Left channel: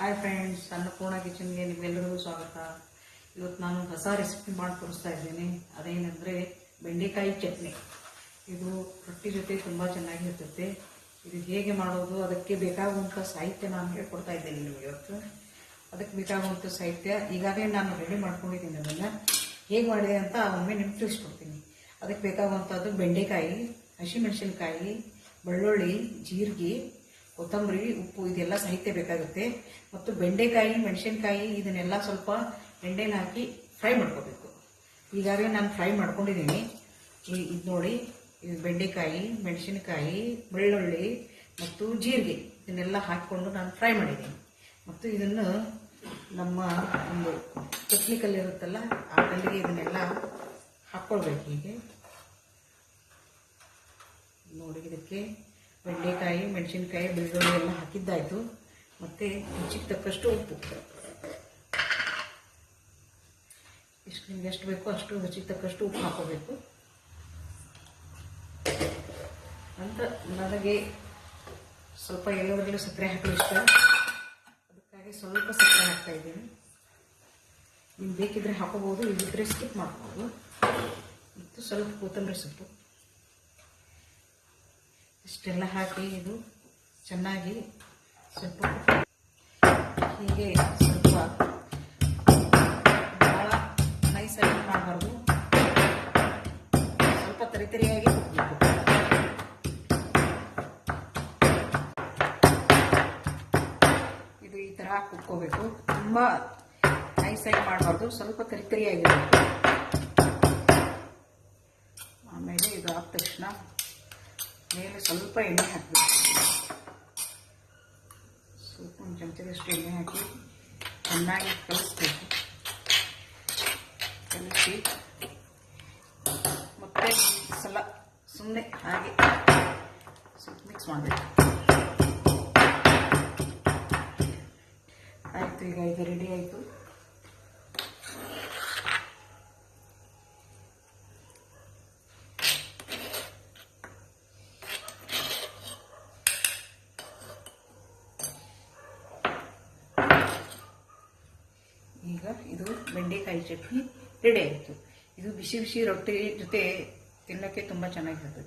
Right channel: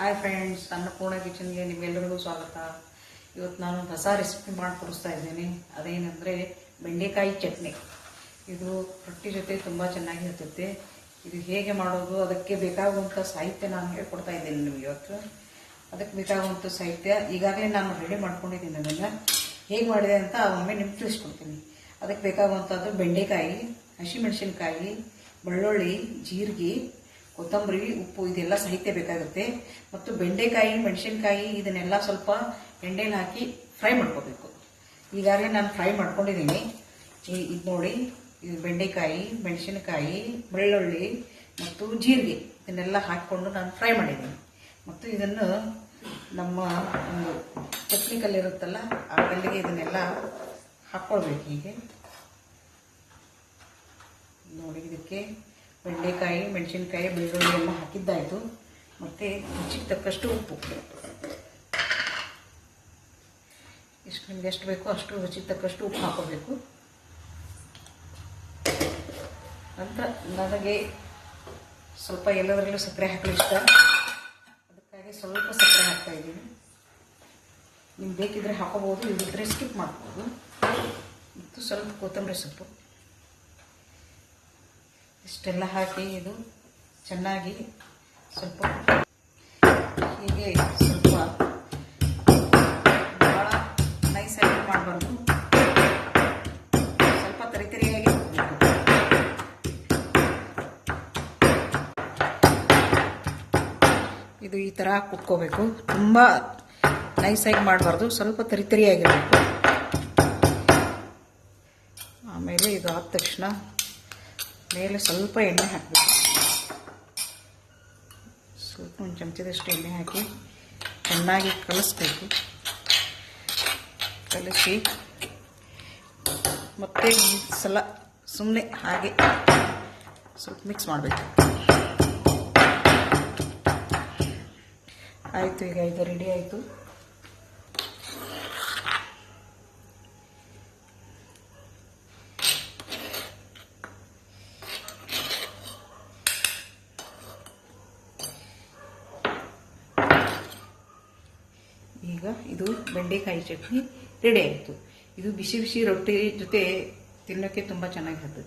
Hi friends, Annapurna ಕಿಚನ್ಗೆ ನಿಮ್ಮೆಲ್ಲರಿಗೂ ಸ್ವಾಗತ. ಇವತ್ತು ನಾನು ಹೊಸ ರೆಸಿಪಿ ಮಾಡಿ ತೋರಿಸ್ತಾ ಇದ್ದೀನಿ. ಅದೇನೆಂದರೆ ಬೆಂಡೆಕಾಯಿ ಚಟ್ನಿ. ಇದು ರೊಟ್ಟಿ ಜೊತೆ ತುಂಬ ಚೆನ್ನಾಗಿರ್ತೈತೆ. ಇದು ಹೇಗೆ ಮಾಡೋದು, ಅದಕ್ಕೆ ಬೇಕಾಗುವಂಥ ಸಾಹಿತ್ಯ ನಾನು ಹೇಳ್ಕೊಡ್ತಾ ಇದ್ದೀನಿ ನಿಮಗೆ ಇವತ್ತು. ಅದಕ್ಕೆ ಬೇಕಾಗುವಂಥ ಸಾಹಿತ್ಯ ಈಗಾಗಲೇ ನಾನು ರೆಡಿ ಮಾಡ್ಕೊಂಡಿದ್ದೀನಿ. ಅದನ್ನು ಹೇಗೆ ಮಾಡಿದೆ ಅಂತ ಒಮ್ಮೆ ನಿಮ್ಗೆ ತಿಳಿಸ್ಕೊಡ್ತೀನಿ. ಅದಕ್ಕೆ ಬೇಕಾಗುವಂಥದ್ದು ಬೆಂಡೆಕಾಯಿ, ಹಸಿಮೆಣಸಿನ್ಕಾಯಿ, ಬೆಳ್ಳುಳ್ಳಿ, ಜೀರಿಗೆ, ಕೊತ್ತಂಬರಿ, ಉಪ್ಪು, ಇದೆಲ್ಲ ಸಾಹಿತ್ಯ ಬೇಕಾಗುತ್ತೆ. ಮತ್ತು ಬೆಂಡೆಕಾಯಿ, ಮೆಣಸಿನ್ಕಾಯಿ ಇದನ್ನೆಲ್ಲ ಸ್ವಲ್ಪ ಎಣ್ಣೆಲಿ ಹಾಕಿ ಫ್ರೈ ಮಾಡ್ಕೋಬೇಕು. ಈಗಾಗಲೇ ನಾನು ಫ್ರೈ ಮಾಡ್ಕೊಂಡಿದ್ದೀನಿ. ಇದು ನೋಡಿ, ಇದು ಬೆಂಡೆಕಾಯಿ, ಮೆಣಸಿನಕಾಯಿ, ಬೆಳ್ಳುಳ್ಳಿ ಮತ್ತು ಜೀರಿಗೆ ಇದನ್ನೆಲ್ಲ ಹಾಕಿಕೊಂಡು ನಾನು ಫ್ರೈ ಮಾಡಿದ್ದೀನಿ. ಮತ್ತು ಇದನ್ನು ನಮ್ಮ ಒಂದು ಚಟ್ನಿ ಕಲ್ಲಿರುತ್ತಲ್ಲ, ಆ ಕಲ್ಲಿಗೆ ಇದನ್ನೆಲ್ಲ ಹಾಕ್ಕೊಳ್ಬೇಕು. ಹೀಗೆ ನೋಡಿ, ಇದಕ್ಕೆ ಬೆಂಡೆಕಾಯಿ, ಮೆಣಸಿನ್ಕಾಯಿ, ಬೆಳ್ಳುಳ್ಳಿ ಎಲ್ಲ ಹಾಕಿದ್ದಾಯಿತು. ಮತ್ತು ರುಚಿಗೆ ತಕ್ಕಷ್ಟು ಉಪ್ಪು, ಇಷ್ಟು ನಿಮ್ಗೆ ಎಷ್ಟು ಬೇಕೋ ಅಷ್ಟು ರುಚಿಗೆ ತಕ್ಕಷ್ಟು ಉಪ್ಪು ಹಾಕೋಬೇಕು ಅಂತ. ನನಗೆ ಸ್ವಲ್ಪ ಎಲ್ಲದರಲ್ಲೂ ಸಕ್ಕರೆ ಹಾಕಲು ಇಷ್ಟ, ಅದಕ್ಕಾಗಿ ಸ್ವಲ್ಪ ಸಕ್ಕರೆ ಹಾಕ್ತಾ ಇದ್ದೀನಿ. ನಿಮ್ಗೆ ಬೇಕಿದ್ರೆ ಹಾಕೋಬೋದು, ಇಲ್ಲಿದ್ದರೆ ಸ್ಕಿಪ್ ಮಾಡ್ಬೋದು. ಮತ್ತು ಸ್ವಲ್ಪ ಕೊತ್ತಂಬರಿ ಸೊಪ್ಪು, ಇಷ್ಟೆಲ್ಲ ಹಾಕಿ ಇದು ಚೆನ್ನಾಗಿ ಸ್ವಲ್ಪ ಹೀಗೆ ಸ್ವಲ್ಪ ಭಾಳ ನೈಸಾಗಿ ಮಾಡಬಾರ್ದು, ಸ್ವಲ್ಪ ತರಿತರಿಯಾಗಿ ಹಾಕಬೇಕು. ಇದು ಈ ಥರ ಕುಟ್ಕೋಬೇಕು. ತುಂಬ ನೈಸಾಗಿ ಮಾಡಬಾರ್ದು, ಸ್ವಲ್ಪ ತರಿತರಿಯಾಗಿರಬೇಕು. ಆಮೇಲೆ ಇದು ಆದ ತಕ್ಷಣ ಮೇಲೆ ಸ್ವಲ್ಪ ಎಣ್ಣೆ ಹಾಕಬೇಕು. ಸ್ವಲ್ಪ ಒಂದು ಚಮಚದಷ್ಟು ಎಣ್ಣೆ ಹಾಕಿ ಚೆನ್ನಾಗಿ ಕಲಿಸ್ಬೇಕು. ಕಲಿಸಿ ಮತ್ತೆ ಒಂದು ಸಲ ಸುಮ್ಮನೆ ಹಾಗೆ ಸ್ವಲ್ಪ ಮಿಕ್ಸ್ ಮಾಡಬೇಕು. ಆಯಿತು, ಈಗ ಇದು ರೆಡಿ ಆಯಿತು. ಈಗ ಇದು ಬೆಂಡೆಕಾಯಿ ಚಟ್ನಿ ರೆಡಿ ಆಯಿತು. ಇದು ಬಿಸಿ ಬಿಸಿ ರೊಟ್ಟಿ ಜೊತೆ ತಿನ್ನೋಕ್ಕೆ ತುಂಬ ಚೆನ್ನಾಗಿರ್ತದೆ.